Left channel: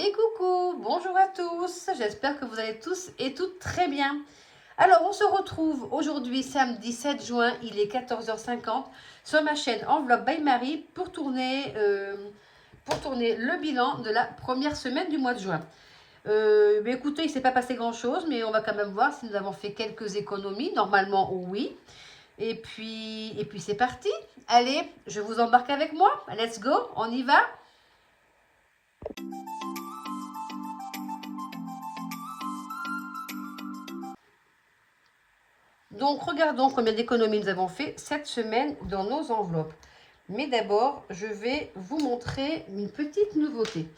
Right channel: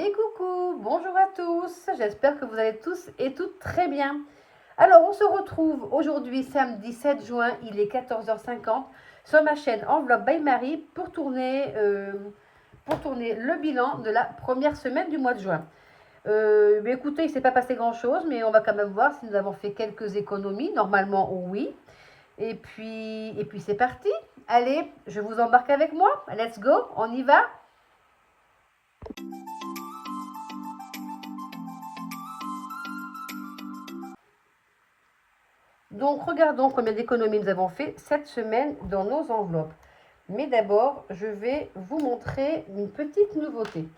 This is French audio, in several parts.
Et coucou, bonjour à tous, j'espère que vous allez tous et toutes très bien. Alors on se retrouve aujourd'hui samedi 7 juin, il est 14h50 sur ma chaîne Enveloppe by Marie pour tourner le bilan de la première semaine du mois de juin. Mais écoutez, il ne s'est pas passé grand chose, mais on va quand même voir si nous avons fait quelques économies, normalement oui. Et puis c'est parti, allez, je vous embarque avec moi, let's go, on y va. Donc, regardons combien d'économies nous avons fait cette semaine dans nos enveloppes. Mais d'abord, je vais vous montrer une petite nouveauté.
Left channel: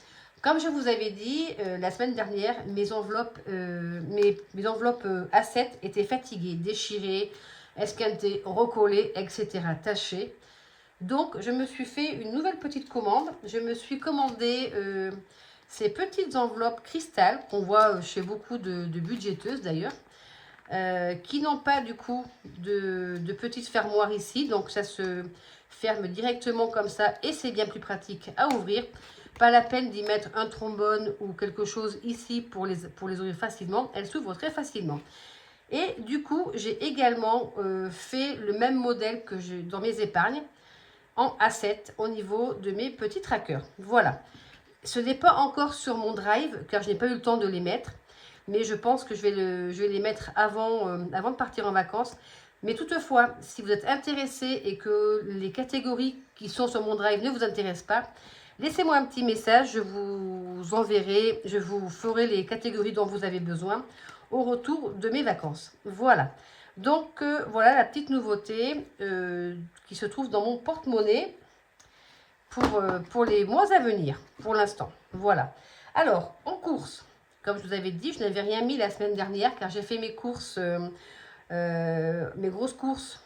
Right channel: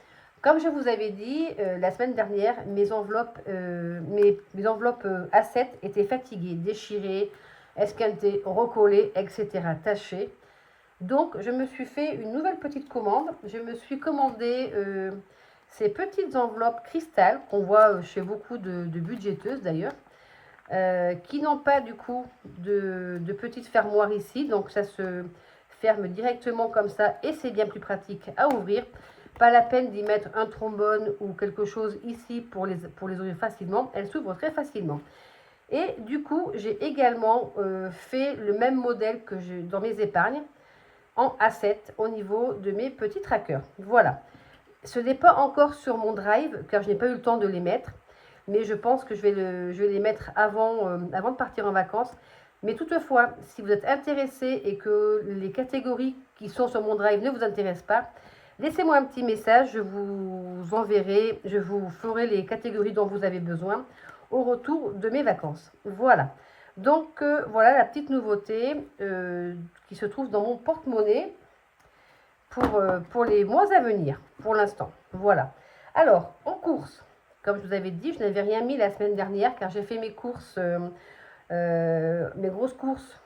Comme je vous avais dit la semaine dernière, mes enveloppes A7 étaient fatiguées, déchirées, esquintées, recollées, etc., tachées. Donc, je me suis fait une nouvelle petite commande. Je me suis commandé ces petites enveloppes cristal qu'on voit chez beaucoup de budgéteuses d'ailleurs. Qui n'ont pas du coup de petite fermoire ici. Donc ça se ferme directement comme ça et c'est bien plus pratique à ouvrir. Pas la peine d'y mettre un trombone ou quelque chose ici pour les ouvrir facilement. Elles s'ouvrent très facilement. Et du coup, j'ai également fait le même modèle que j'ai dans mes épargnes en A7 au niveau de mes petits trackers. Voilà. Ce n'est pas encore sur mon drive car je n'ai pas eu le temps de les mettre. Mais je pense que je vais les mettre avant de partir en vacances. Mais toutefois, si vous êtes intéressé et que les catégories qui sont sur mon drive ne vous intéressent pas, laissez-moi un petit message, je vous enverrai, je vous ferai les catégories dont vous avez besoin au retour de mes vacances. Voilà. Donc, voilà la petite nouveauté qui se trouve dans mon porte-monnaie pour les mois à venir, pour l'instant. Voilà. Alors, en course, comme je vous avais dit, je n'avais rien mis la semaine dernière car j'ai fait mes courses, mes grosses courses,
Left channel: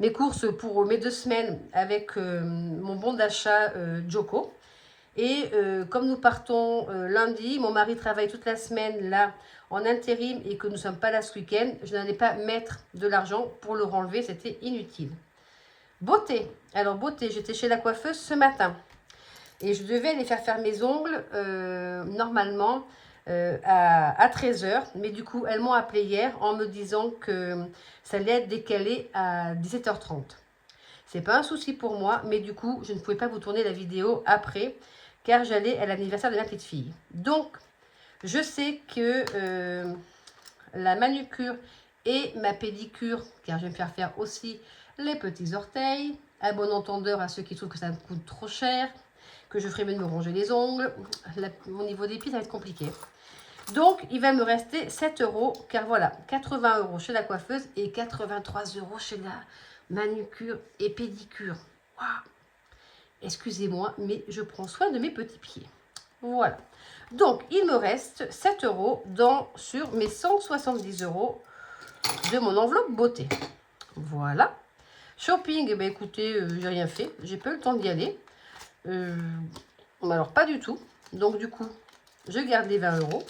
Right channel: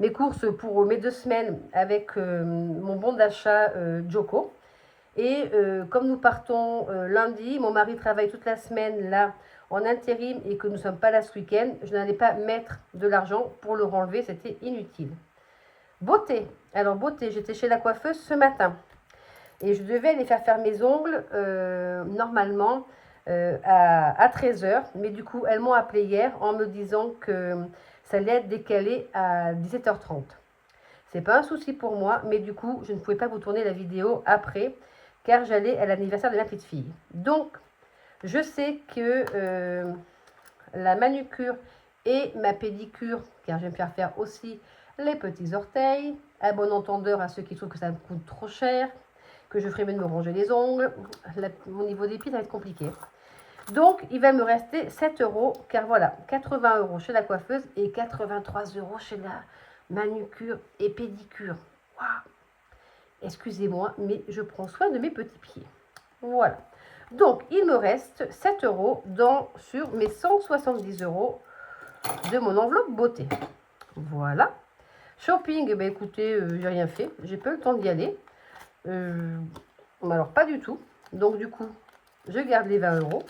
mes courses pour mes 2 semaines avec mon bon d'achat Joko. Et comme nous partons lundi, mon mari travaille toute la semaine là en intérim et que nous ne sommes pas là ce week-end, je n'allais pas mettre de l'argent pour le renlever, c'était inutile. Beauté. Alors, beauté, j'étais chez la coiffeuse ce matin. Et je devais aller faire mes ongles normalement à 13h. Mais du coup, elles m'ont appelé hier en me disant que ça allait être décalé à 17h30. C'est pas un souci pour moi, mais du coup, je ne pouvais pas vous tourner la vidéo après, car j'allais à l'anniversaire de ma petite fille. Donc, je sais que la manucure et ma pédicure, car je vais me faire aussi les petits orteils, à bon entendeur à ceux qui trouvent que ça me coûte trop cher, que je ferai mieux de me ranger les ongles. Au niveau des pieds, ça va être compliqué. Donc, il va me rester 7 euros, car voilà, 80 euros chez la coiffeuse et 83 euros chez la manucure et pédicure. Waouh! Excusez-moi, mais je prends soin de mes petits pieds. Voilà. Donc, il me reste 7 euros sur mes 170 euros de mon enveloppe beauté. Voilà. Shopping, eh bien, écoutez, j'ai rien fait. J'ai pas eu le temps d'y aller. Alors, pas du tout. Donc, du coup, je garde les 20 euros.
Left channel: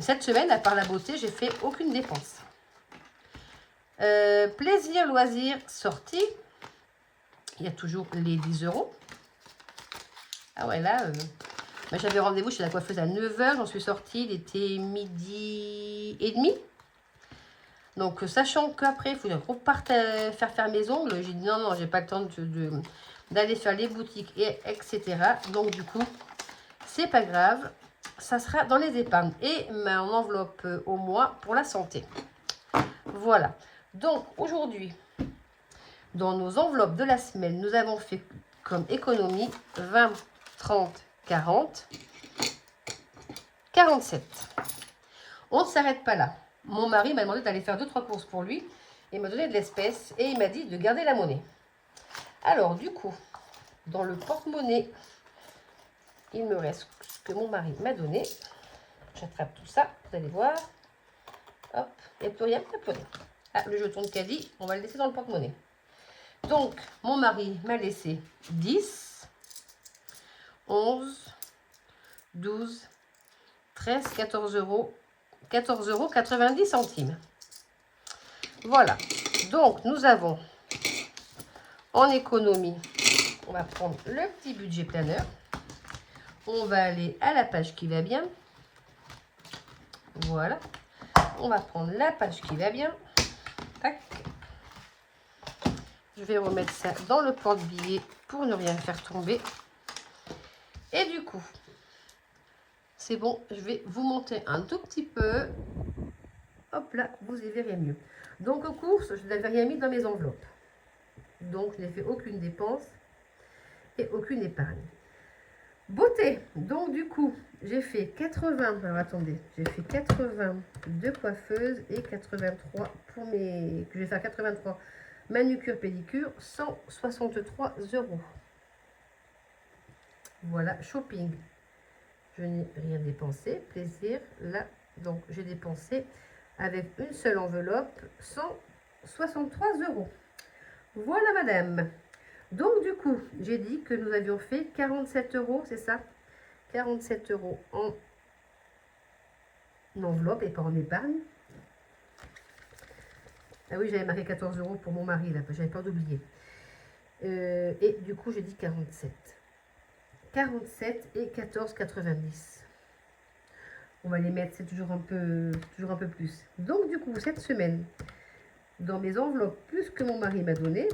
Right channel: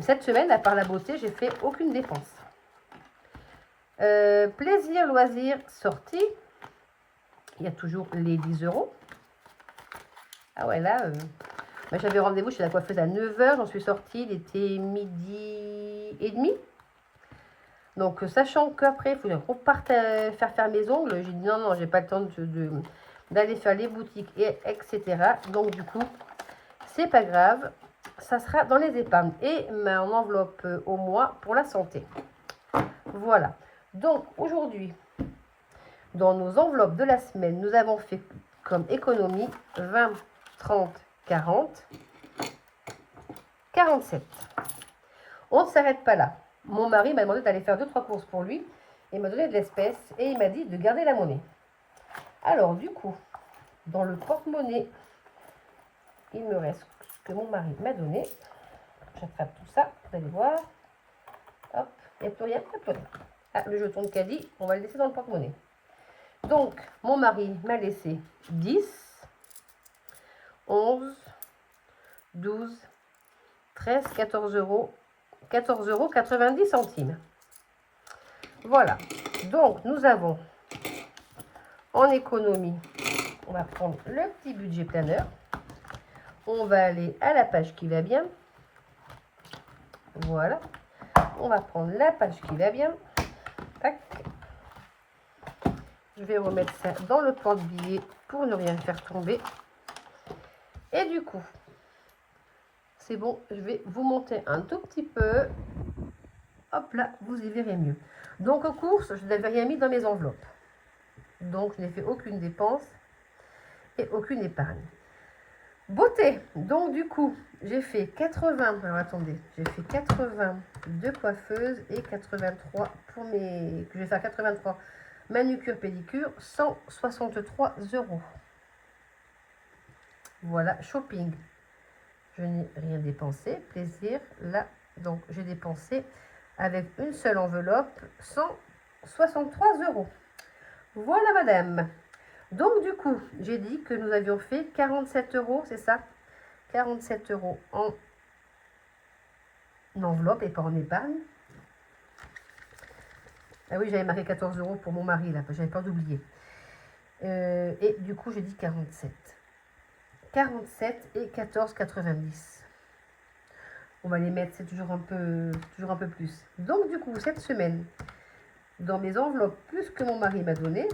Cette semaine, à part la beauté, j'ai fait aucune dépense. Plaisir, loisir, sortie. Il y a toujours les 10 euros. Ah ouais, là, j'avais rendez-vous chez la coiffeuse à 9h. J'en suis sortie, il était 12h30. Donc, sachant qu'après, il faut que je reparte faire mes ongles, j'ai dit non, j'ai pas le temps d'aller faire les boutiques, etc. Donc, du coup, c'est pas grave. Ça sera dans les épargnes et mon enveloppe au mois pour la santé. Voilà. Donc, aujourd'hui, dans nos enveloppes de la semaine, nous avons fait comme économie 20, 30, 40, 47. On ne s'arrête pas là. Mon mari m'a demandé d'aller faire 2-3 courses pour lui et m'a donné de l'espèce et il m'a dit de garder la monnaie. Alors du coup, dans le porte-monnaie, il me reste ce que mon mari m'a donné. J'attrape tout ça, vous allez voir. Hop, il n'y a plus rien, il n'y a plus rien. Ah, le jeton de caddie, on va le laisser dans le porte-monnaie. Donc, mon mari m'a laissé 10, 11, 12, 13, 14 euros. 14,90 €. Voilà. Donc, nous avons en économie, on va prendre le petit budget planeur. On va aller à la page qui va bien. Voilà. On va prendre la page qui va bien. Tac. Je vais remettre ça dans le porte-billets pour ne rien faire tomber. Et du coup, c'est bon, je vais vous monter un tout petit peu. Hop là, vous y verrez mieux. Donc aux courses, je n'avais rien mis dans mes enveloppes. Donc je n'ai fait aucune dépense et aucune épargne. Beauté, donc du coup, j'ai fait 80, alors attendez, j'ai fait 80 de coiffeuse et 83 pour mes, je vais faire 83 manucure pédicure, 163 €. Voilà, shopping, je n'ai rien dépensé, plaisir, là, donc j'ai dépensé avec une seule enveloppe, 163 €. Voilà madame. Donc du coup, j'ai dit que nous avions fait 47 €, c'est ça? 47 € en enveloppe et pas en épargne. Ah oui, j'avais marqué 14 € pour mon mari, là, j'avais peur d'oublier. Et du coup, j'ai dit 47. 47 et 14,90. On va les mettre, c'est toujours un peu plus. Donc du coup, cette semaine, dans mes enveloppes, plus que mon mari m'a donné,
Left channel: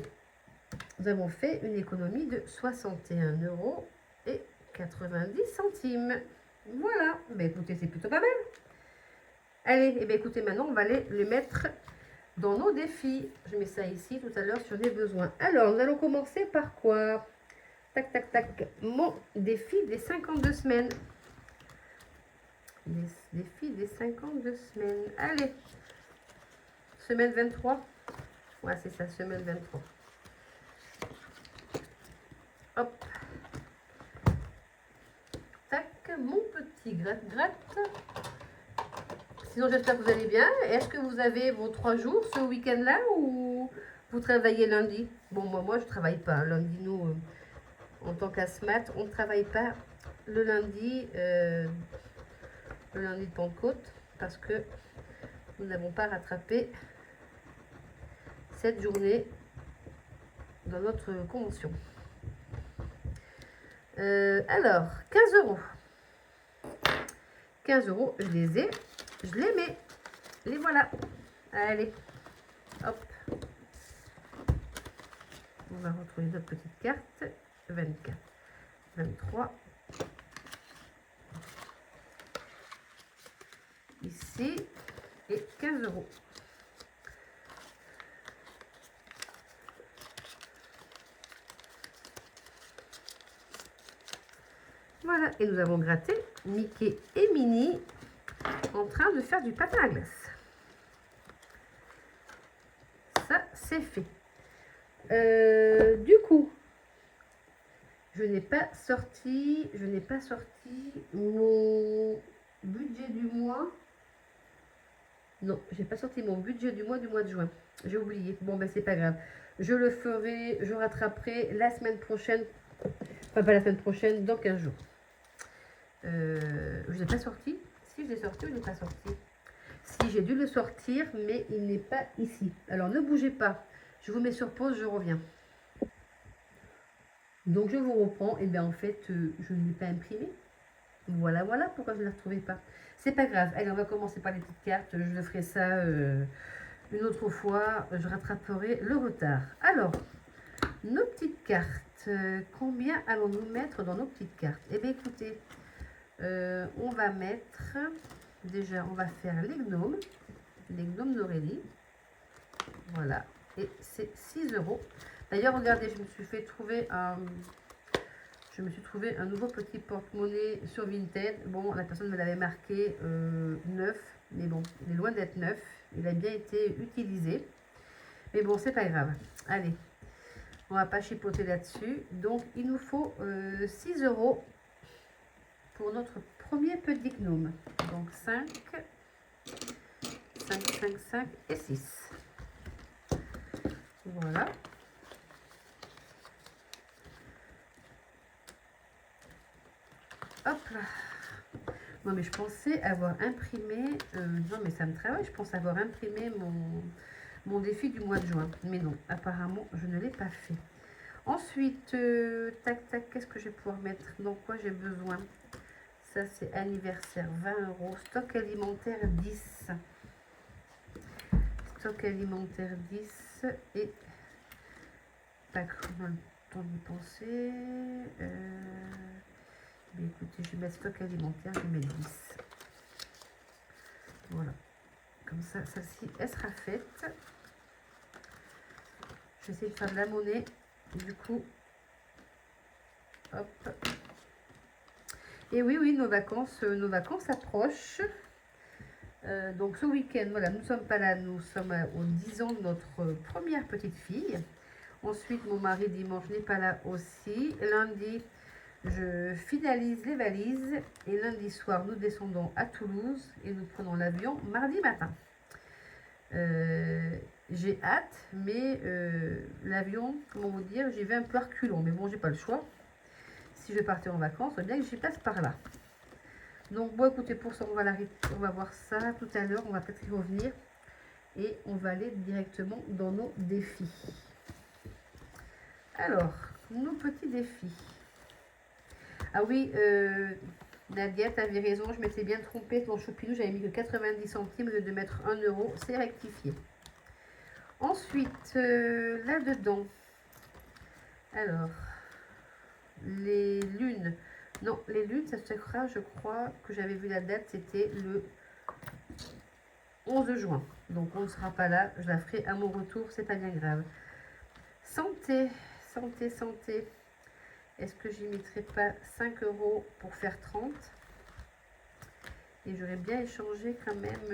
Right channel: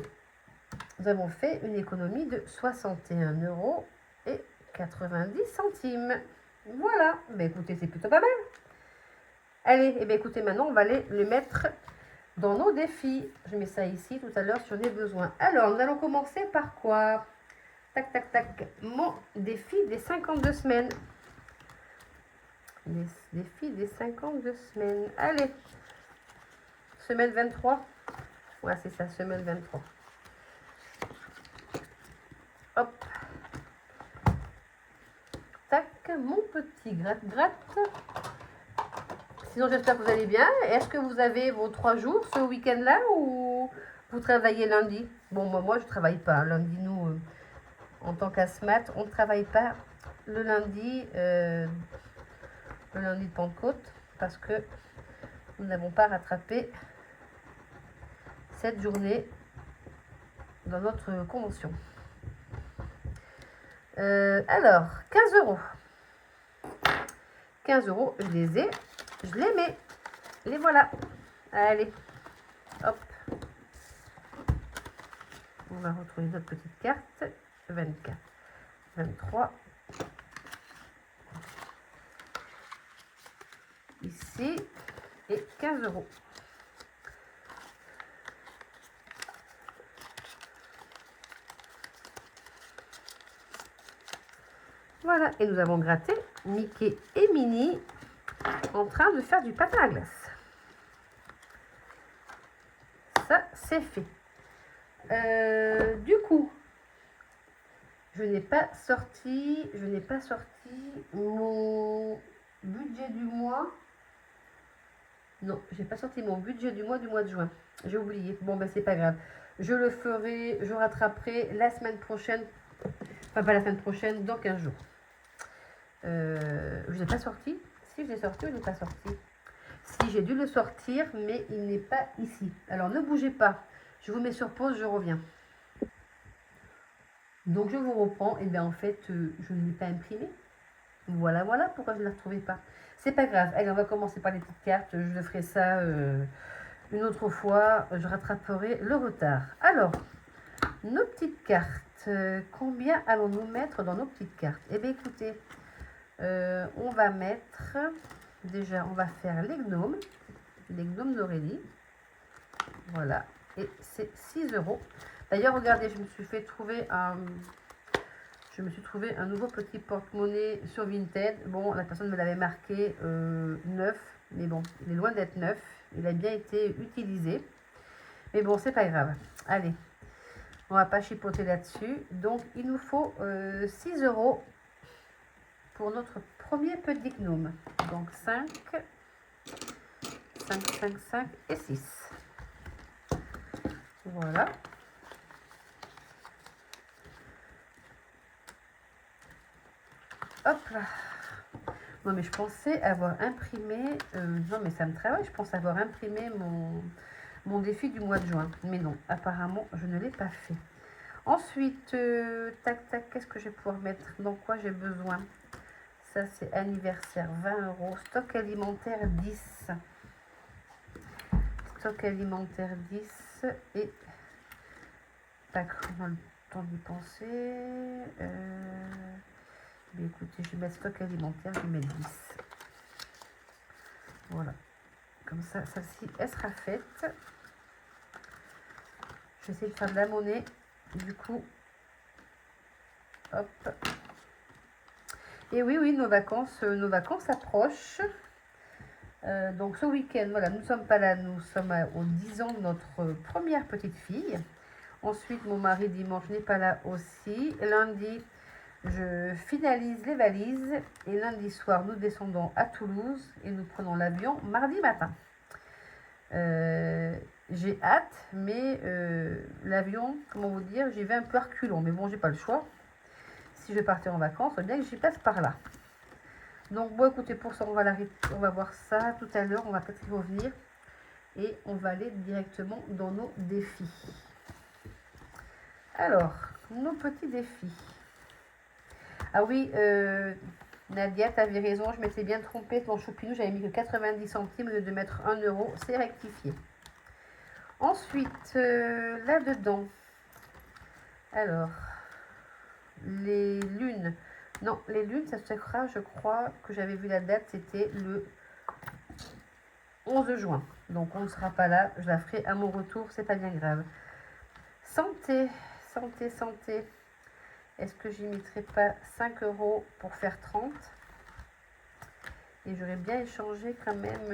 nous avons fait une économie de 61 € et 90 centimes. Voilà, ben écoutez, c'est plutôt pas mal. Allez, et bien écoutez, maintenant on va aller le mettre dans nos défis. Je mets ça ici tout à l'heure si j'en ai besoin. Alors, nous allons commencer par quoi? Tac, tac, tac. Mon défi des 52 semaines. Les défis des 52 semaines. Allez, semaine 23. Ouais, c'est ça, semaine 23. Hop. Tac, mon petit gratte-gratte. Sinon, j'espère que vous allez bien. Est-ce que vous avez vos 3 jours ce week-end-là ou vous travaillez lundi? Bon, moi, je ne travaille pas. Lundi, nous, en tant qu'asthmate, on ne travaille pas le lundi de Pentecôte parce que nous n'avons pas rattrapé cette journée dans notre convention. Alors, 15 €. 15 €, je les ai, je les mets. Les voilà. Allez, hop. On va retrouver notre petite carte. 24, 23. Ici. Et 15 €. Voilà, et nous avons gratté Mickey et Minnie en train de faire du patin à glace. Ça, c'est fait. Du coup, je n'ai pas sorti mon budget du mois. Non, j'ai pas sorti mon budget du mois de juin. J'ai oublié. Bon, ben c'est pas grave. Je le ferai, je rattraperai la semaine prochaine. Enfin, pas la semaine prochaine, dans 15 jours. Je ne l'ai pas sorti. Si, je l'ai sorti ou je ne l'ai pas sorti? Si, j'ai dû le sortir, mais il n'est pas ici. Alors, ne bougez pas. Je vous mets sur pause, je reviens. Donc, je vous reprends. Et bien, en fait, je ne l'ai pas imprimé. Voilà pourquoi je ne la retrouvais pas. C'est pas grave. Allez, on va commencer par les petites cartes. Je le ferai ça une autre fois. Je rattraperai le retard. Alors, nos petites cartes. Combien allons-nous mettre dans nos petites cartes? Eh bien, écoutez, on va mettre... Déjà, on va faire les gnomes d'Aurélie. Voilà. Et c'est 6 €. D'ailleurs, regardez, je me suis trouvé un nouveau petit porte-monnaie sur Vinted. Bon, la personne me l'avait marqué neuf, mais bon, il est loin d'être neuf. Il a bien été utilisé. Mais bon, c'est pas grave. Allez, on va pas chipoter là-dessus. Donc, il nous faut 6 € pour notre premier petit gnome. Donc, 5, 5, 5, 5 et 6. Voilà. Hop là. Non, mais je pensais avoir imprimé... non, mais ça me travaille. Je pense avoir imprimé mon défi du mois de juin. Mais non, apparemment, je ne l'ai pas fait. Ensuite, tac, tac, qu'est-ce que je vais pouvoir mettre? Dans quoi j'ai besoin? Ça, c'est anniversaire, 20 euros. Stock alimentaire, 10. Stock alimentaire, 10. Et, tac, on a le temps d'y penser. Mais écoutez, je vais mettre stock alimentaire, je vais mettre 10. Voilà. Comme ça, celle-ci, elle sera faite. Je vais essayer de faire de la monnaie. Du coup, hop. Et oui, oui, nos vacances approchent. Donc ce week-end, voilà, nous ne sommes pas là, nous sommes aux 10 ans de notre première petite fille. Ensuite, mon mari dimanche n'est pas là aussi. Lundi, je finalise les valises. Et lundi soir, nous descendons à Toulouse et nous prenons l'avion mardi matin. J'ai hâte, mais l'avion, comment vous dire, j'y vais un peu reculons. Mais bon, j'ai pas le choix. Si je vais partir en vacances, il faut bien que j'y passe par là. Donc, bon, écoutez, pour ça, on va voir ça tout à l'heure. On va peut-être y revenir. Et on va aller directement dans nos défis. Alors, nos petits défis. Ah oui, Nadia, tu avais raison. Je m'étais bien trompée. Dans Chopinou, j'avais mis que 90 centimes au lieu de mettre 1 euro. C'est rectifié. Ensuite, là-dedans. Alors, les lunes. Non, les lunes, ça se fera, je crois que j'avais vu la date, c'était le 11 juin. Donc on ne sera pas là, je la ferai à mon retour, c'est pas bien grave. Santé, santé, santé. Est-ce que j'y mettrai pas 5 euros pour faire 30? Et j'aurais bien échangé quand même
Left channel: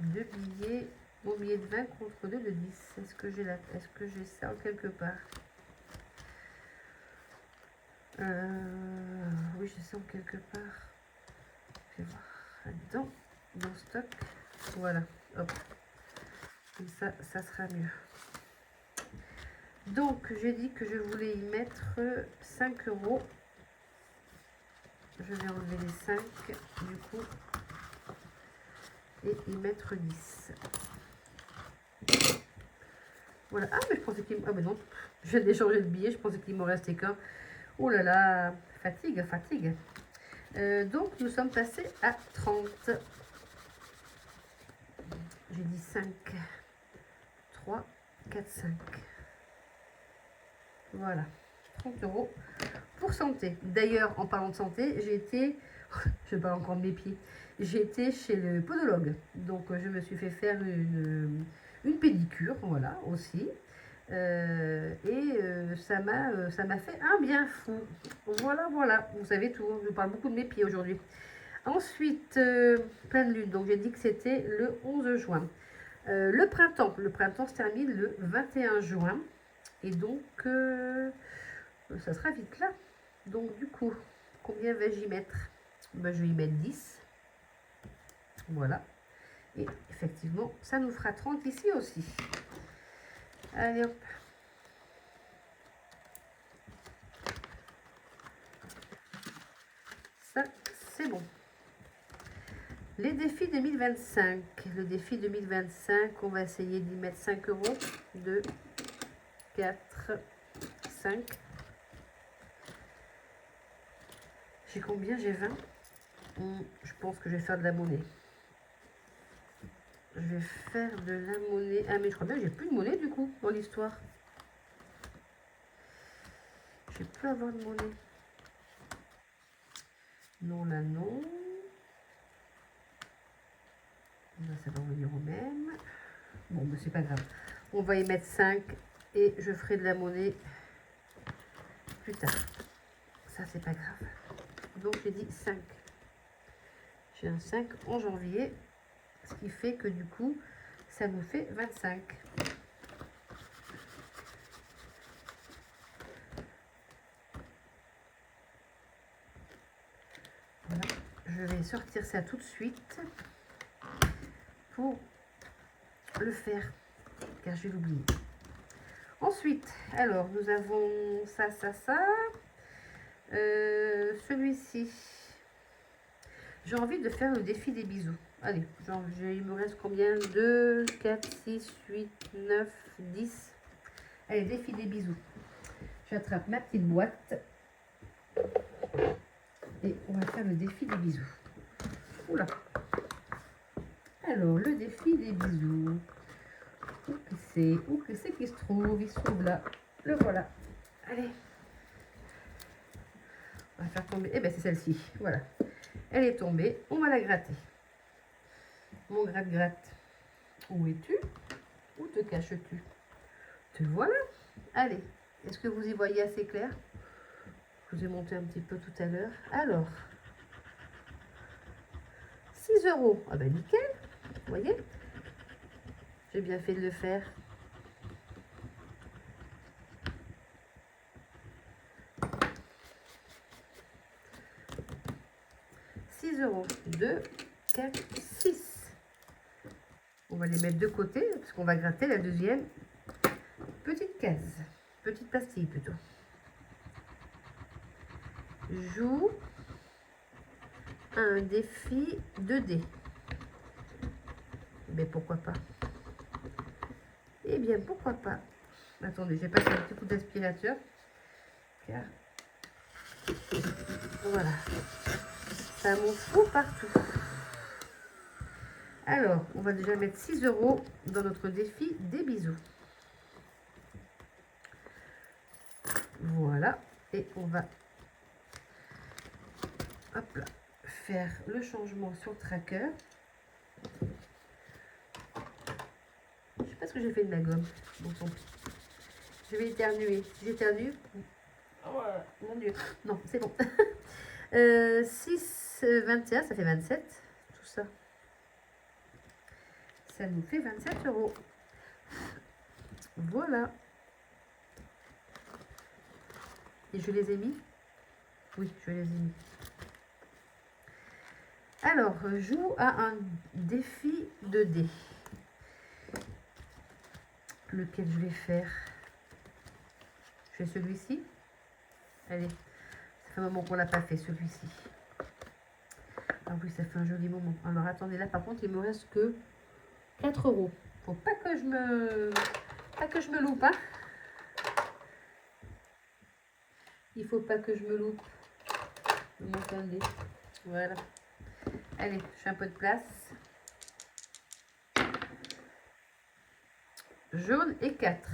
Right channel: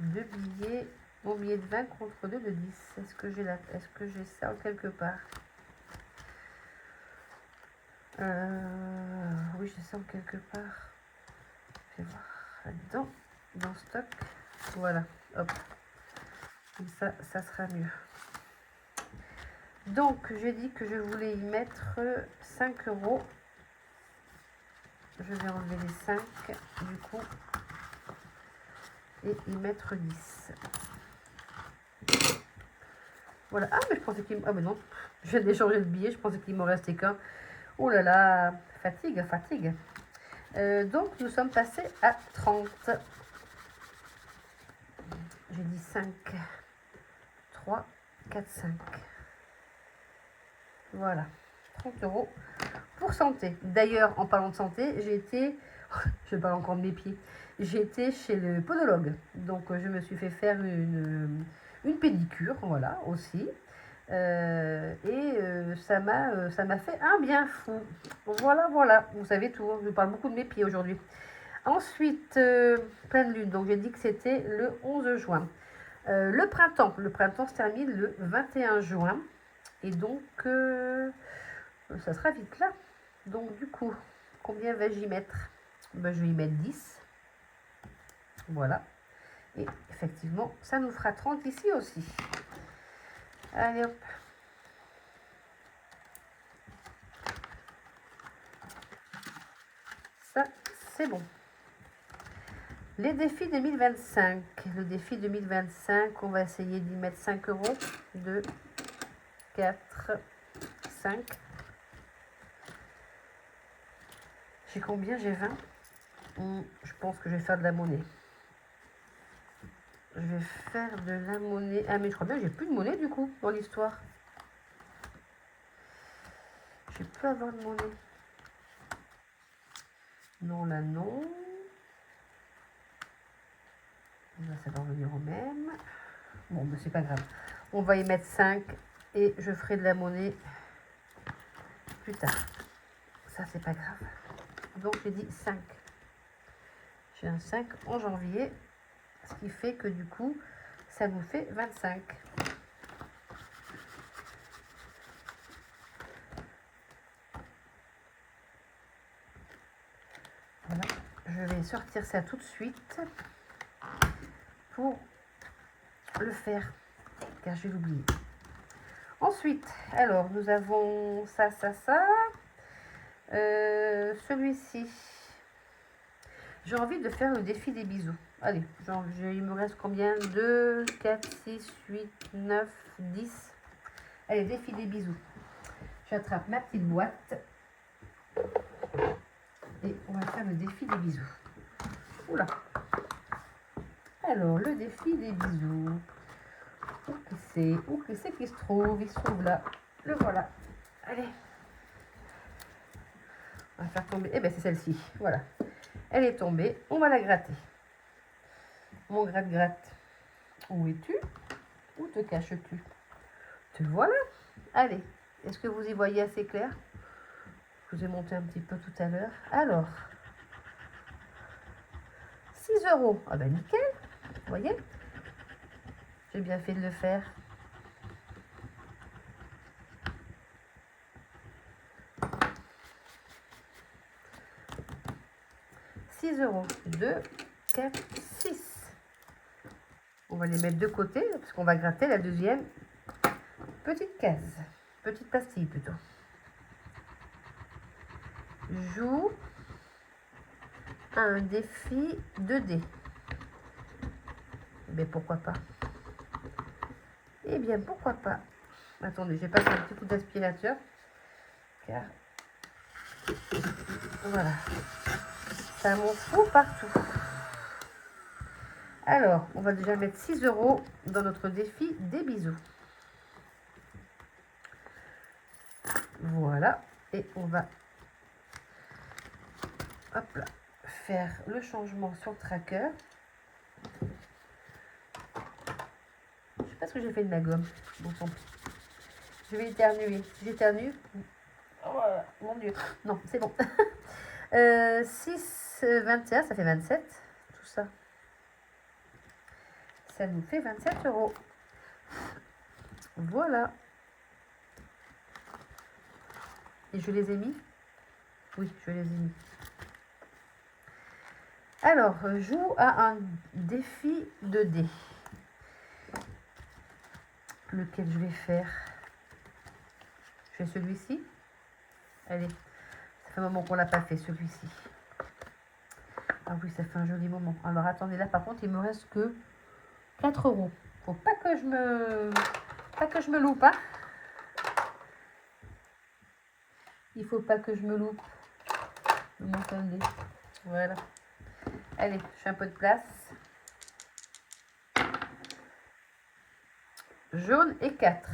2 billets, mon billet de 20 contre 2 de 10. Est-ce que j'ai ça quelque part? Oui, je sens quelque part. Je vais voir là-dedans, dans stock. Voilà, hop. Comme ça, ça sera mieux. Donc, j'ai dit que je voulais y mettre 5 euros. Je vais enlever les 5, du coup, et y mettre 10. Voilà. Ah, mais je pensais qu'il... Ah, mais non, je viens d'échanger le billet, je pensais qu'il m'en restait qu'un. Oh là là, fatigue, fatigue. Donc, nous sommes passés à 30. J'ai dit 5, 3, 4, 5. Voilà, 30 euros pour santé. D'ailleurs, en parlant de santé, j'ai été, je parle encore de mes pieds, j'ai été chez le podologue. Donc, je me suis fait faire une pédicure, voilà, aussi. Ça m'a fait un bien fou. Voilà, voilà, vous savez tout, je parle beaucoup de mes pieds aujourd'hui. Ensuite, pleine lune, donc j'ai dit que c'était le 11 juin. Le printemps se termine le 21 juin. Et donc, ça sera vite là. Donc, du coup, combien vais-je y mettre? Ben, je vais y mettre 10. Voilà. Et effectivement, ça nous fera 30 ici aussi. Allez, hop. Ça, c'est bon. Les défis 2025. Le défi 2025, on va essayer d'y mettre 5 euros. 2, 4, 5. J'ai combien? J'ai 20. Je pense que je vais faire de la monnaie. Je vais faire de la monnaie. Ah, mais je crois bien que j'ai plus de monnaie du coup dans l'histoire. Je vais plus avoir de monnaie. Non, là, non. Là, ça va revenir au même. Bon, mais c'est pas grave. On va y mettre 5 et je ferai de la monnaie plus tard. Ça, c'est pas grave. Donc, j'ai dit 5. J'ai un 5 en janvier. Ce qui fait que du coup, ça nous fait 25. Voilà. Je vais sortir ça tout de suite pour le faire, car je vais l'oublier. Ensuite, alors, nous avons ça, ça, ça. Celui-ci. J'ai envie de faire le défi des bisous. Allez, il me reste combien? 2, 4, 6, 8, 9, 10. Allez, défi des bisous. J'attrape ma petite boîte. Et on va faire le défi des bisous. Oula. Alors, le défi des bisous. Où que c'est qu'il se trouve? Il se trouve là. Le voilà. Allez. On va faire tomber. Eh bien, c'est celle-ci. Voilà. Elle est tombée. On va la gratter. Mon gratte-gratte. Où es-tu? Où te caches-tu? Te voilà. Allez. Est-ce que vous y voyez assez clair? Je vous ai monté un petit peu tout à l'heure. Alors. 6 €. Ah ben nickel. Vous voyez? J'ai bien fait de le faire. €. 2, 4, 6. On va les mettre de côté parce qu'on va gratter la deuxième petite case. Petite pastille plutôt. Joue un défi 2D. Mais pourquoi pas? Eh bien, pourquoi pas? Attendez, j'ai passé un petit coup d'aspirateur. Car voilà, ça m'en fout partout. Alors, on va déjà mettre 6 € dans notre défi des bisous. Voilà, et on va hop là, faire le changement sur Tracker. Je sais pas ce que j'ai fait de ma gomme. Bon, tant pis. Je vais éternuer. Si j'éternue, oh voilà, mon Dieu. Non, c'est bon. 6, 21, ça fait 27. Tout ça. Ça nous fait 27 €. Voilà. Et je les ai mis? Oui, je les ai mis. Alors, joue à un défi 2D. Lequel je vais faire? Je fais celui-ci. Allez, ça fait un moment qu'on l'a pas fait celui-ci. Ah oui, ça fait un joli moment. Alors attendez, là par contre, il me reste que 4 €. Faut pas que je me loupe, hein. Il faut pas que je me loupe. Voilà. Allez, je fais un peu de place. Jaune et 4.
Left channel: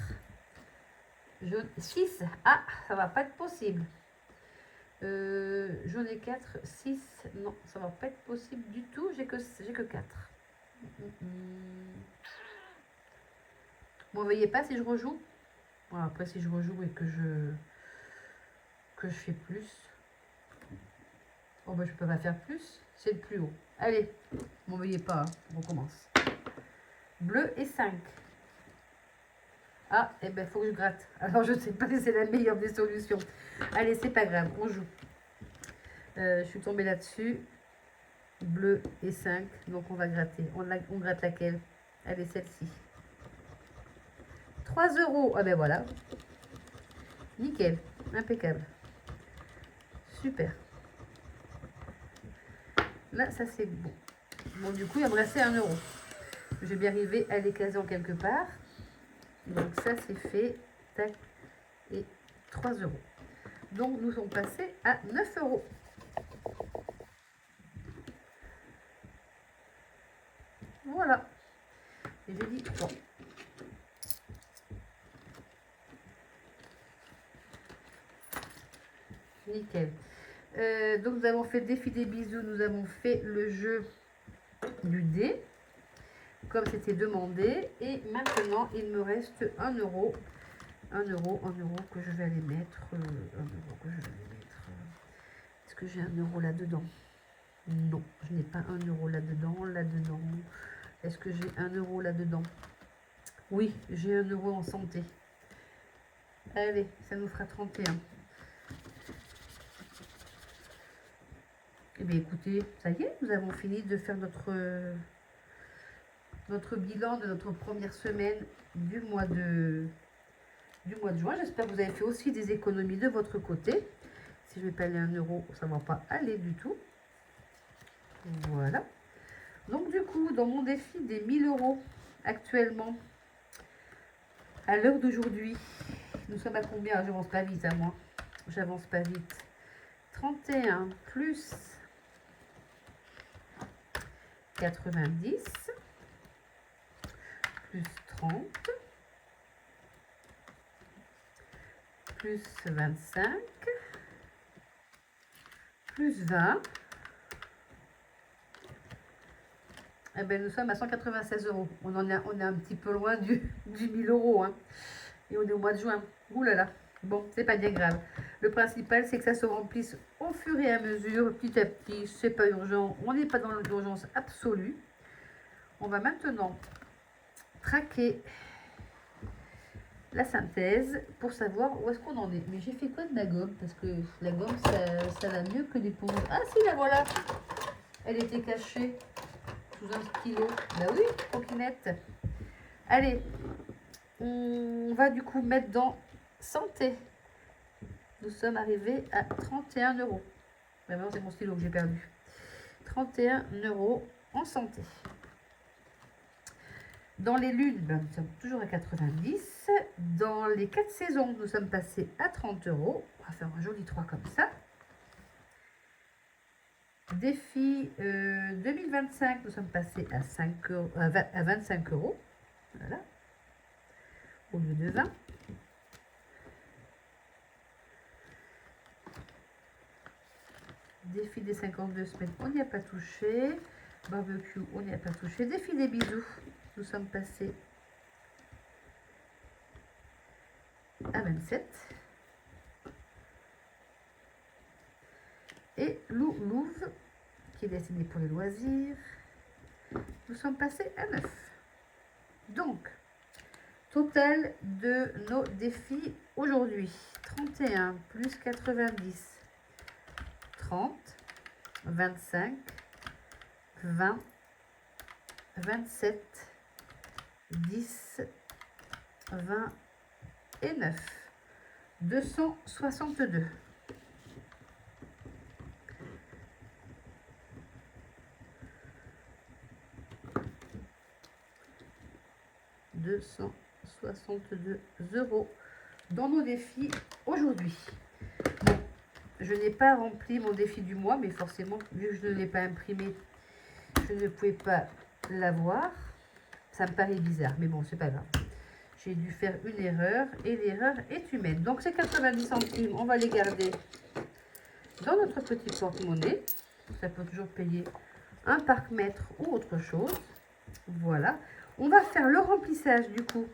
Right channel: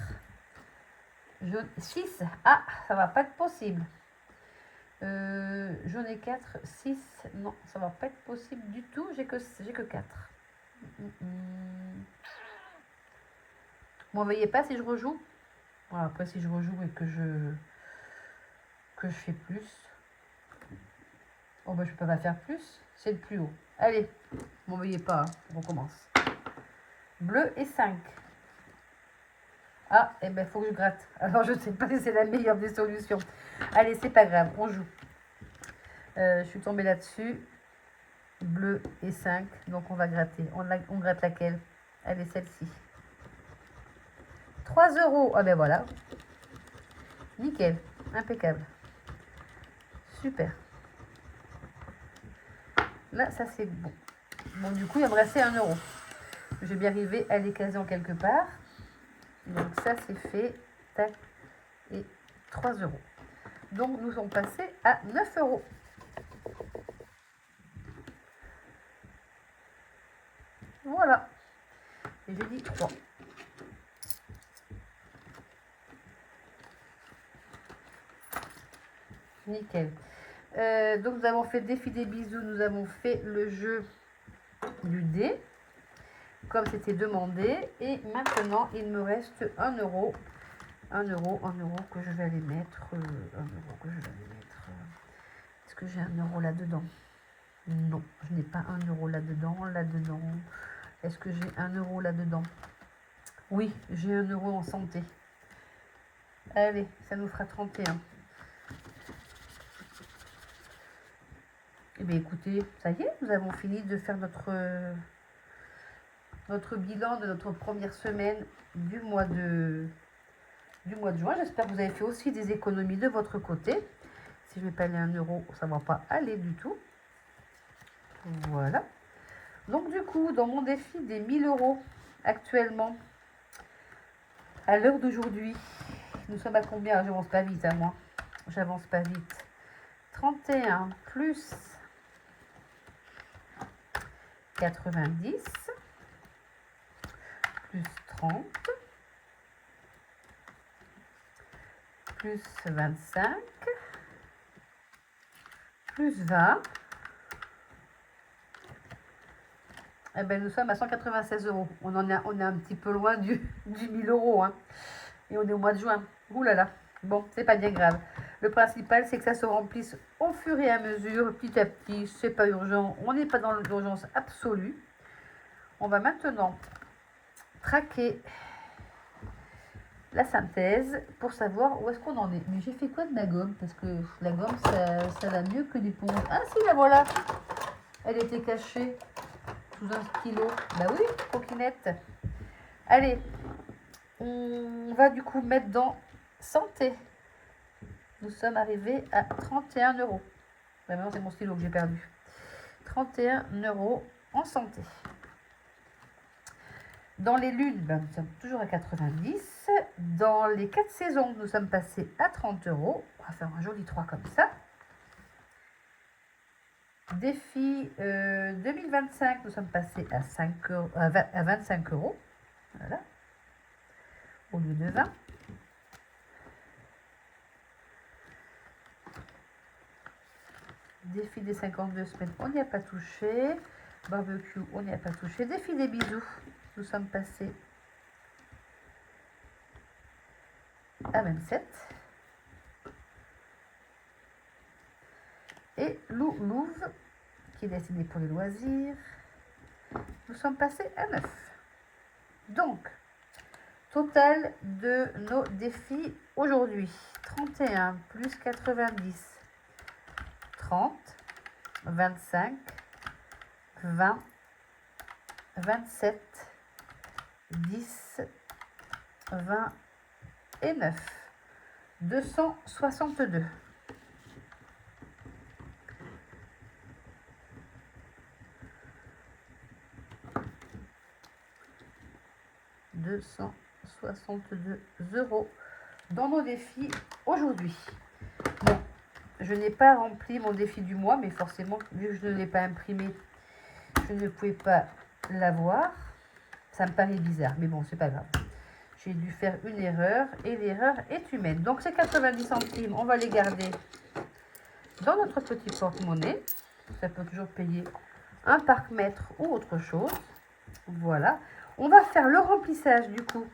Jaune 6. Ah, ça va pas être possible. Jaune et 4, 6. Non, ça va pas être possible du tout. J'ai que 4. Vous ne voyez pas si je rejoue? Bon, après, si je rejoue et que je fais plus. Oh, bah, je peux pas faire plus. C'est le plus haut. Allez, vous ne voyez pas. Hein. On commence. Bleu et 5. Ah, et ben, il faut que je gratte. Alors, je ne sais pas si c'est la meilleure des solutions. Allez, c'est pas grave, on joue. Je suis tombée là-dessus. Bleu et 5. Donc, on va gratter. On gratte laquelle? Allez, celle-ci. 3 €. Ah ben voilà. Nickel. Impeccable. Super. Là, ça c'est bon. Bon, du coup, il va me rester 1 €. Je vais bien arriver à les caser en quelque part. Donc, ça c'est fait. Tac. Et 3 €. Donc, nous sommes passés à 9 €. Voilà. Et j'ai dit 3. Nickel. Donc, nous avons fait défi des bisous. Nous avons fait le jeu du dé, comme c'était demandé. Et maintenant, il me reste 1 €. 1 € que je vais aller mettre. 1 € que je vais aller mettre. Est-ce que j'ai 1 € là-dedans? Non, je n'ai pas 1 € là-dedans. Là-dedans. Est-ce que j'ai 1 € là-dedans? Oui, j'ai 1 € en santé. Allez, ça nous fera 31. Eh bien, écoutez, ça y est, nous avons fini de faire notre bilan de notre première semaine du mois de juin. J'espère que vous avez fait aussi des économies de votre côté. Si je ne vais pas aller à 1 €, ça ne va pas aller du tout. Voilà. Donc du coup, dans mon défi des 1 000 € actuellement, à l'heure d'aujourd'hui, nous sommes à combien? J'avance pas vite à moi. J'avance pas vite. 31 plus 90 plus 30 plus 25 plus 20. Eh ben, nous sommes à 196 €. On est un petit peu loin du 1000 €. Hein. Et on est au mois de juin. Ouh là là. Bon, c'est pas bien grave. Le principal, c'est que ça se remplisse au fur et à mesure, petit à petit. C'est pas urgent. On n'est pas dans l'urgence absolue. On va maintenant traquer la synthèse pour savoir où est-ce qu'on en est. Mais j'ai fait quoi de la gomme? Parce que la gomme, ça va mieux que l'éponge. Ah si, la voilà. Elle était cachée sous un stylo. Bah oui, coquinette. Allez, on va du coup mettre dans santé. Nous sommes arrivés à 31 €. Ouais, maintenant, c'est mon stylo que j'ai perdu. 31 € en santé. Dans les lunes, ben, nous sommes toujours à 90. Dans les 4 saisons, nous sommes passés à 30 €. On va faire un joli 3 comme ça. Défi 2025, nous sommes passés à, 25 €. Voilà. Au lieu de 20. Défi des 52 semaines, on n'y a pas touché. Barbecue, on n'y a pas touché. Défi des bisous, nous sommes passés à 27. Et Louve, qui est destiné pour les loisirs, nous sommes passés à 9. Donc, total de nos défis aujourd'hui. 31 plus 90, 30, 25, 20, 27, 10, 20 et 9. 262. €262 dans nos défis aujourd'hui. Bon, je n'ai pas rempli mon défi du mois, mais forcément, vu que je ne l'ai pas imprimé, je ne pouvais pas l'avoir. Ça me paraît bizarre, mais bon, c'est pas grave. J'ai dû faire une erreur et l'erreur est humaine. Donc, ces 90 centimes, on va les garder dans notre petit porte-monnaie. Ça peut toujours payer un parc-mètre ou autre chose. Voilà. On va faire le remplissage du coup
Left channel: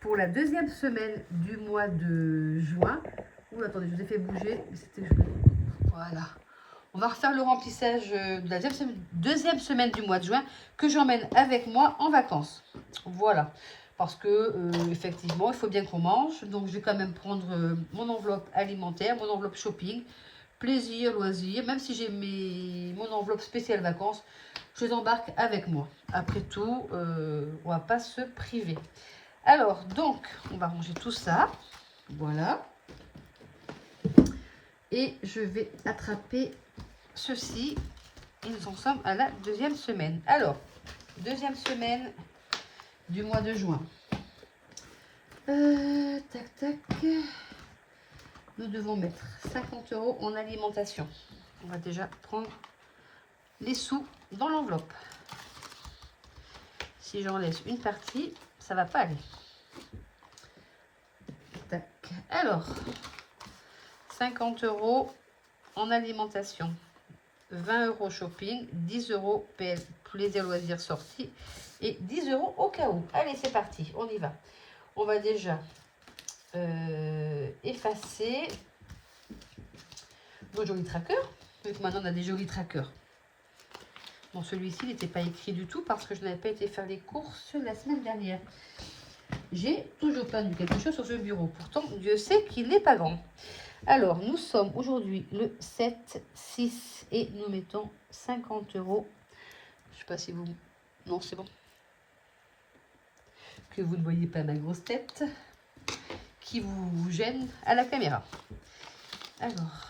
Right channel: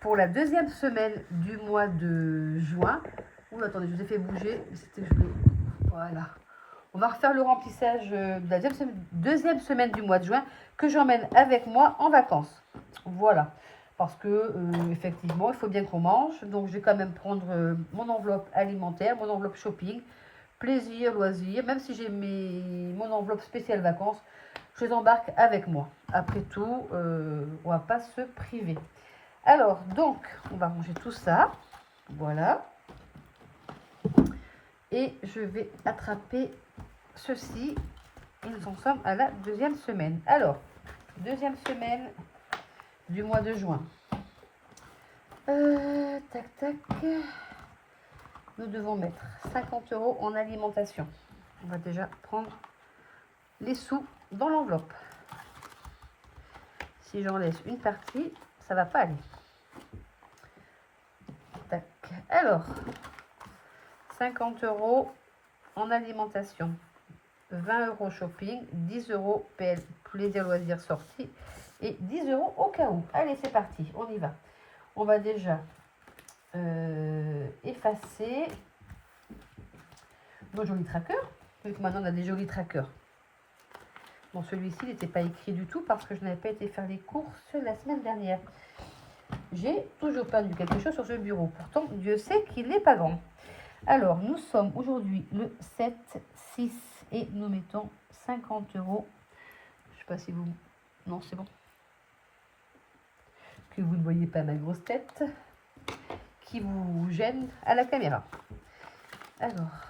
pour la deuxième semaine du mois de juin. Ouh, attendez, je vous ai fait bouger. C'était gelé. Voilà. On va refaire le remplissage de la deuxième semaine du mois de juin que j'emmène avec moi en vacances. Voilà. Parce que, effectivement, il faut bien qu'on mange. Donc, je vais quand même prendre mon enveloppe alimentaire, mon enveloppe shopping, plaisir, loisir. Même si j'ai mon enveloppe spéciale vacances, je les embarque avec moi. Après tout, on va pas se priver. Alors, donc, on va ranger tout ça. Voilà. Et je vais attraper ceci. Et nous en sommes à la deuxième semaine. Alors, deuxième semaine du mois de juin. Tac, tac. Nous devons mettre 50 € en alimentation. On va déjà prendre les sous dans l'enveloppe. Si j'en laisse une partie, ça va pas aller. Tac. Alors, 50 € en alimentation, 20 € shopping, 10 € plaisir loisirs sortie et 10 € au cas où. Allez, c'est parti, on y va. On va déjà effacer nos jolis trackers. Donc maintenant, on a des jolis trackers. Bon, celui-ci, il n'était pas écrit du tout parce que je n'avais pas été faire les courses la semaine dernière. J'ai toujours pas vu quelque chose sur ce bureau. Pourtant, Dieu sait qu'il n'est pas grand. Alors, nous sommes aujourd'hui le 7-6 et nous mettons 50 €. Je ne sais pas si vous... Non, c'est bon. Que vous ne voyez pas ma grosse tête qui vous gêne à la caméra. Alors,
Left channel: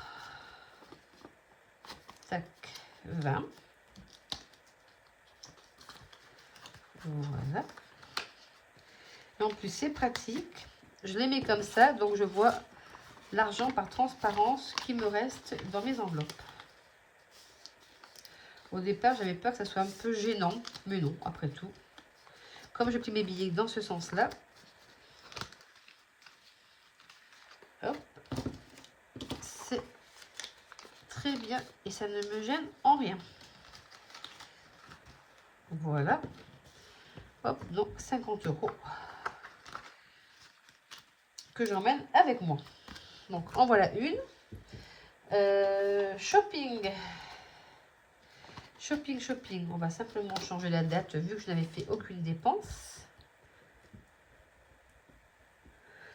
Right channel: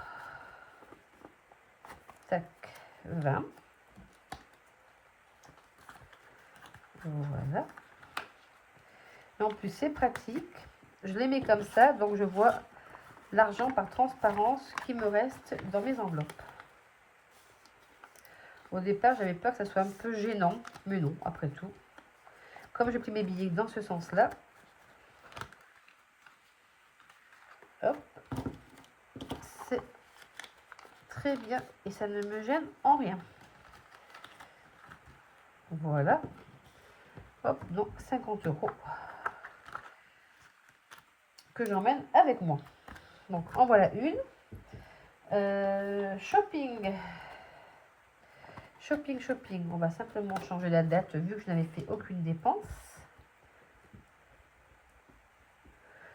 tac, 20. Voilà. Et en plus, c'est pratique. Je les mets comme ça, donc je vois l'argent par transparence qui me reste dans mes enveloppes. Au départ, j'avais peur que ça soit un peu gênant, mais non, après tout. Comme je plie mes billets dans ce sens-là, hop, c'est très bien et ça ne me gêne en rien. Voilà. Hop, donc 50 € que j'emmène avec moi. Donc, en voilà une. Shopping. Shopping. On va simplement changer la date vu que je n'avais fait aucune dépense.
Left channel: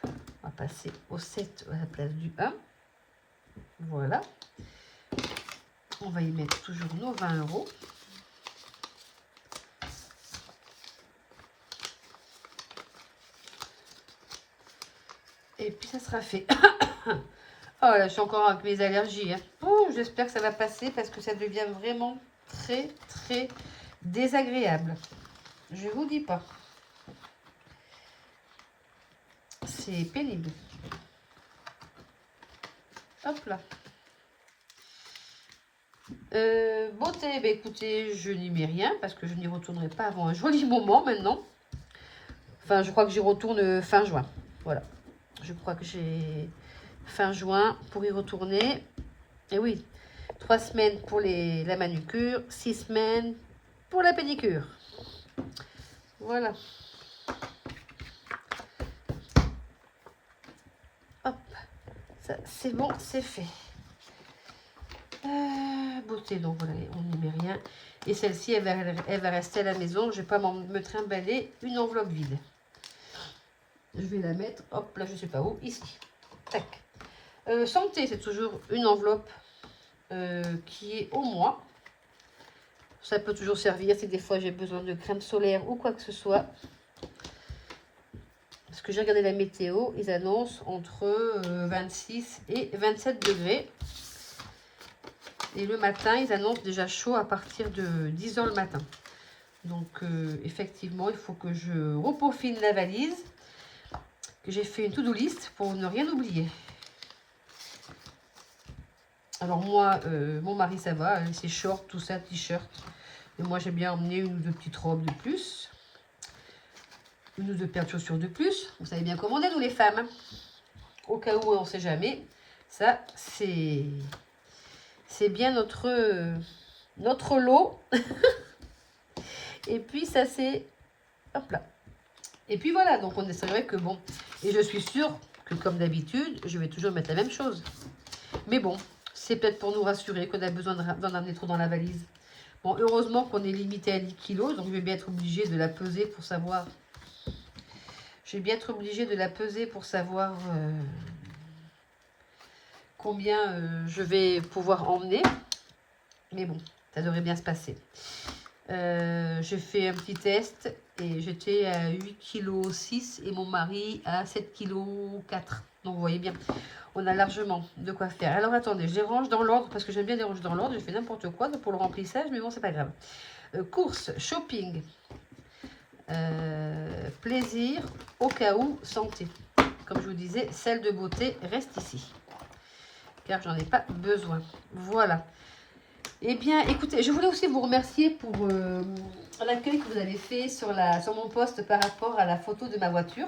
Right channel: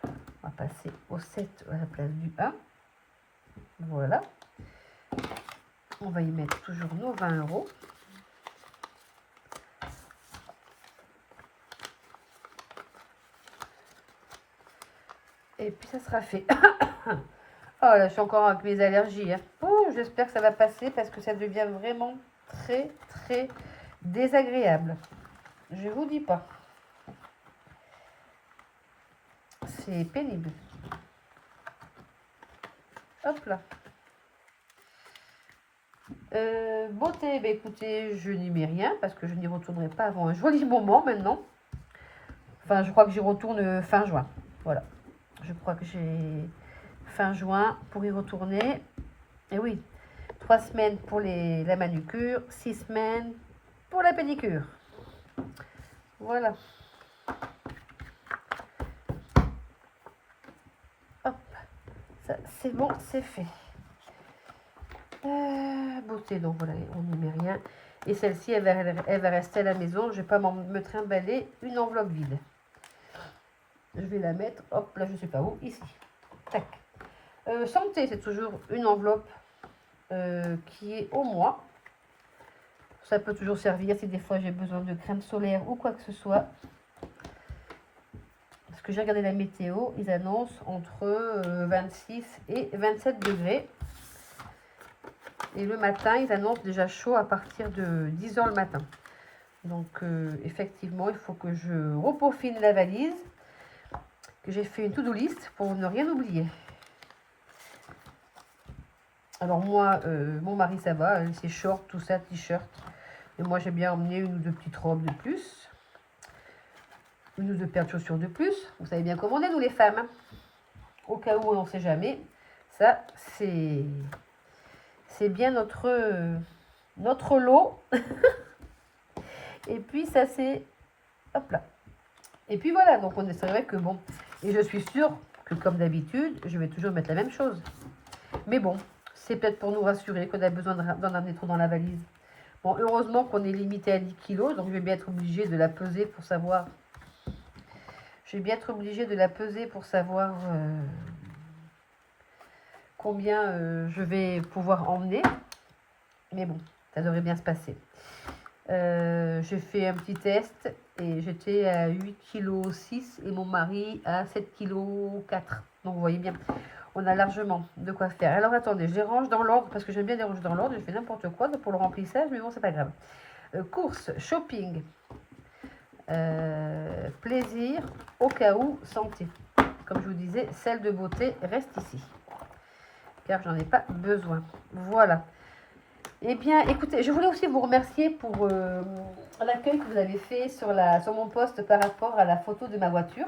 On va passer au 7 à la place du 1. Voilà. On va y mettre toujours nos 20 €. Et puis ça sera fait. Oh là, je suis encore avec mes allergies. Hein. Oh, j'espère que ça va passer parce que ça devient vraiment très désagréable. Je vous dis pas. C'est pénible. Hop là. Beauté, bah écoutez, je n'y mets rien parce que je n'y retournerai pas avant un joli moment maintenant. Enfin, je crois que j'y retourne fin juin. Voilà. Je crois que j'ai fin juin pour y retourner. Et oui, 3 semaines pour la manucure, 6 semaines pour la pédicure. Voilà. Hop, ça c'est bon, c'est fait. Beauté, donc voilà, on n'y met rien. Et celle-ci, elle va rester à la maison. Je ne vais pas me trimballer une enveloppe vide. Je vais la mettre, hop, là je ne sais pas où, ici. Tac. Santé, c'est toujours une enveloppe qui est au mois. Ça peut toujours servir si des fois j'ai besoin de crème solaire ou quoi que ce soit. Parce que j'ai regardé la météo, ils annoncent entre 26 et 27 degrés. Et le matin, ils annoncent déjà chaud à partir de 10 h le matin. Donc, effectivement, il faut que je repeaufine la valise. Que j'ai fait une to-do list pour ne rien oublier. Alors moi, mon mari, ça va. C'est short, tout ça, t-shirt. Et moi, j'ai bien emmené une ou deux petites robes de plus. Une ou deux paires de chaussures de plus. Vous savez bien comment on est, nous les femmes. Hein. Au cas où on ne sait jamais. Ça, c'est bien notre lot. Et puis, ça, c'est... Hop là. Et puis voilà, donc c'est vrai que bon... Et je suis sûre que comme d'habitude, je vais toujours mettre la même chose. Mais bon, c'est peut-être pour nous rassurer qu'on a besoin d'en amener trop dans la valise. Bon, heureusement qu'on est limité à 10 kilos, donc je vais bien être obligée de la peser pour savoir... Je vais bien être obligée de la peser pour savoir combien je vais pouvoir emmener. Mais bon, ça devrait bien se passer. J'ai fait un petit test et j'étais à 8,6 kg et mon mari à 7,4 kg. Donc vous voyez bien, on a largement de quoi faire. Alors attendez, je les range dans l'ordre parce que j'aime bien les ranger dans l'ordre. Je fais n'importe quoi pour le remplissage, mais bon, c'est pas grave. Courses, shopping, plaisir, au cas où, santé. Comme je vous disais, celle de beauté reste ici. Car j'en ai pas besoin. Voilà. Eh bien, écoutez, je voulais aussi vous remercier pour l'accueil que vous avez fait sur mon post par rapport à la photo de ma voiture.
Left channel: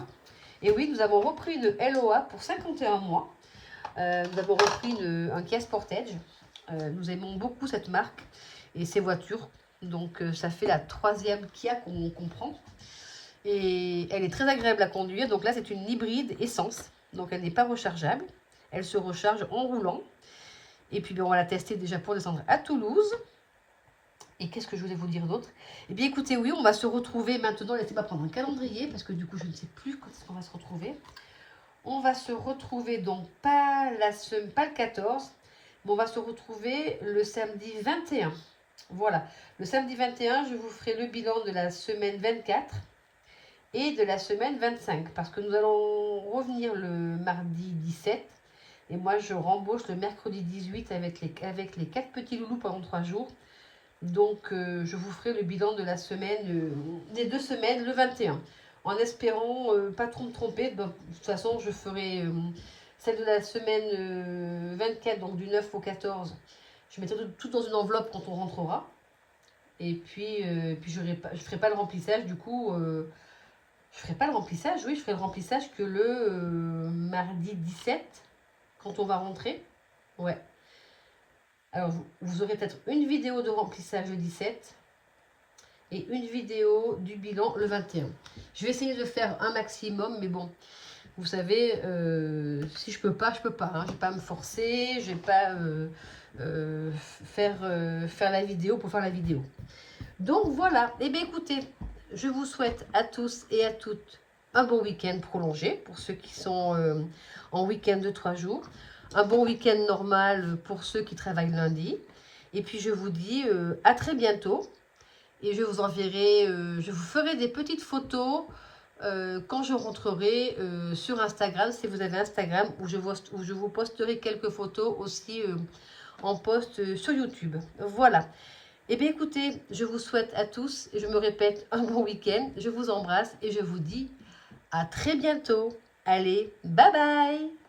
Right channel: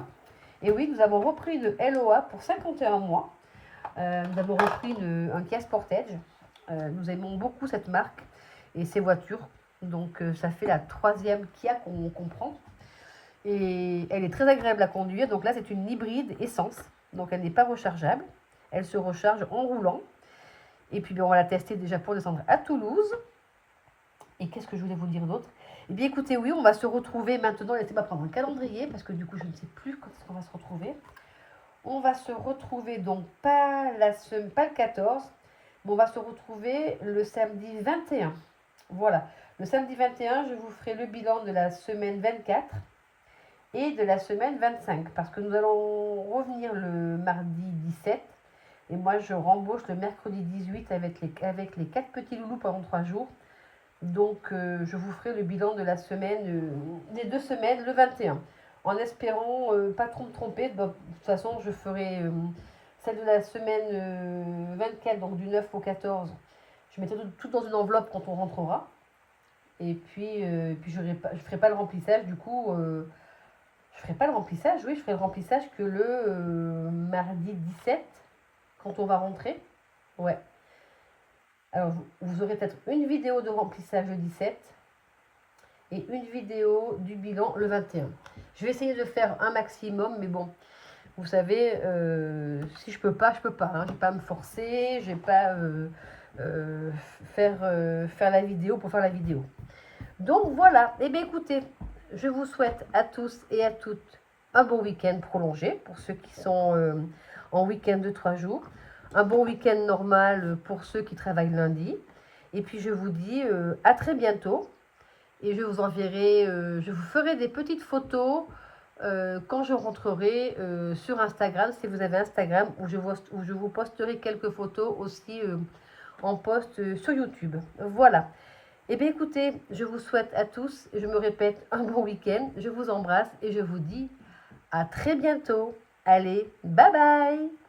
Et oui, nous avons repris une LOA pour 51 mois. Nous avons repris un Kia Sportage. Nous aimons beaucoup cette marque et ces voitures. Donc, ça fait la 3e Kia qu'on prend. Et elle est très agréable à conduire. Donc là, c'est une hybride essence. Donc, elle n'est pas rechargeable. Elle se recharge en roulant. Et puis, on va la tester déjà pour descendre à Toulouse. Et qu'est-ce que je voulais vous dire d'autre? Eh bien, écoutez, oui, on va se retrouver maintenant. Laissez-moi prendre un calendrier parce que du coup, je ne sais plus quand on va se retrouver. On va se retrouver donc pas le 14, mais on va se retrouver le samedi 21. Voilà. Le samedi 21, je vous ferai le bilan de la semaine 24 et de la semaine 25 parce que nous allons revenir le mardi 17. Et moi, je rembauche le mercredi 18 avec les 4 petits loulous pendant 3 jours. Donc, je vous ferai le bilan de la semaine, des 2 semaines, le 21. en espérant pas trop me tromper. Bon, de toute façon, je ferai celle de la semaine 24, donc du 9 au 14. Je mettrai tout dans une enveloppe quand on rentrera. Et puis je ne ferai pas le remplissage, du coup, je ferai pas le remplissage, oui, je ferai le remplissage que le mardi 17, quand on va rentrer. Ouais. Alors, vous aurez peut-être une vidéo de remplissage le 17 et une vidéo du bilan le 21. Je vais essayer de faire un maximum, mais bon, vous savez, si je peux pas, je peux pas. Hein. Je vais pas me forcer, je vais pas faire la vidéo pour faire la vidéo. Donc voilà, eh bien écoutez, je vous souhaite à tous et à toutes un bon week-end prolongé pour ceux qui sont en week-end de 3 jours. Un bon week-end normal pour ceux qui travaillent lundi. Et puis je vous dis à très bientôt. Et je vous enverrai, je vous ferai des petites photos quand je rentrerai sur Instagram, si vous avez Instagram, où je vous posterai quelques photos aussi en post sur YouTube. Voilà. Eh bien écoutez, je vous souhaite à tous, et je me répète, un bon week-end. Je vous embrasse et je vous dis à très bientôt. Allez, bye bye!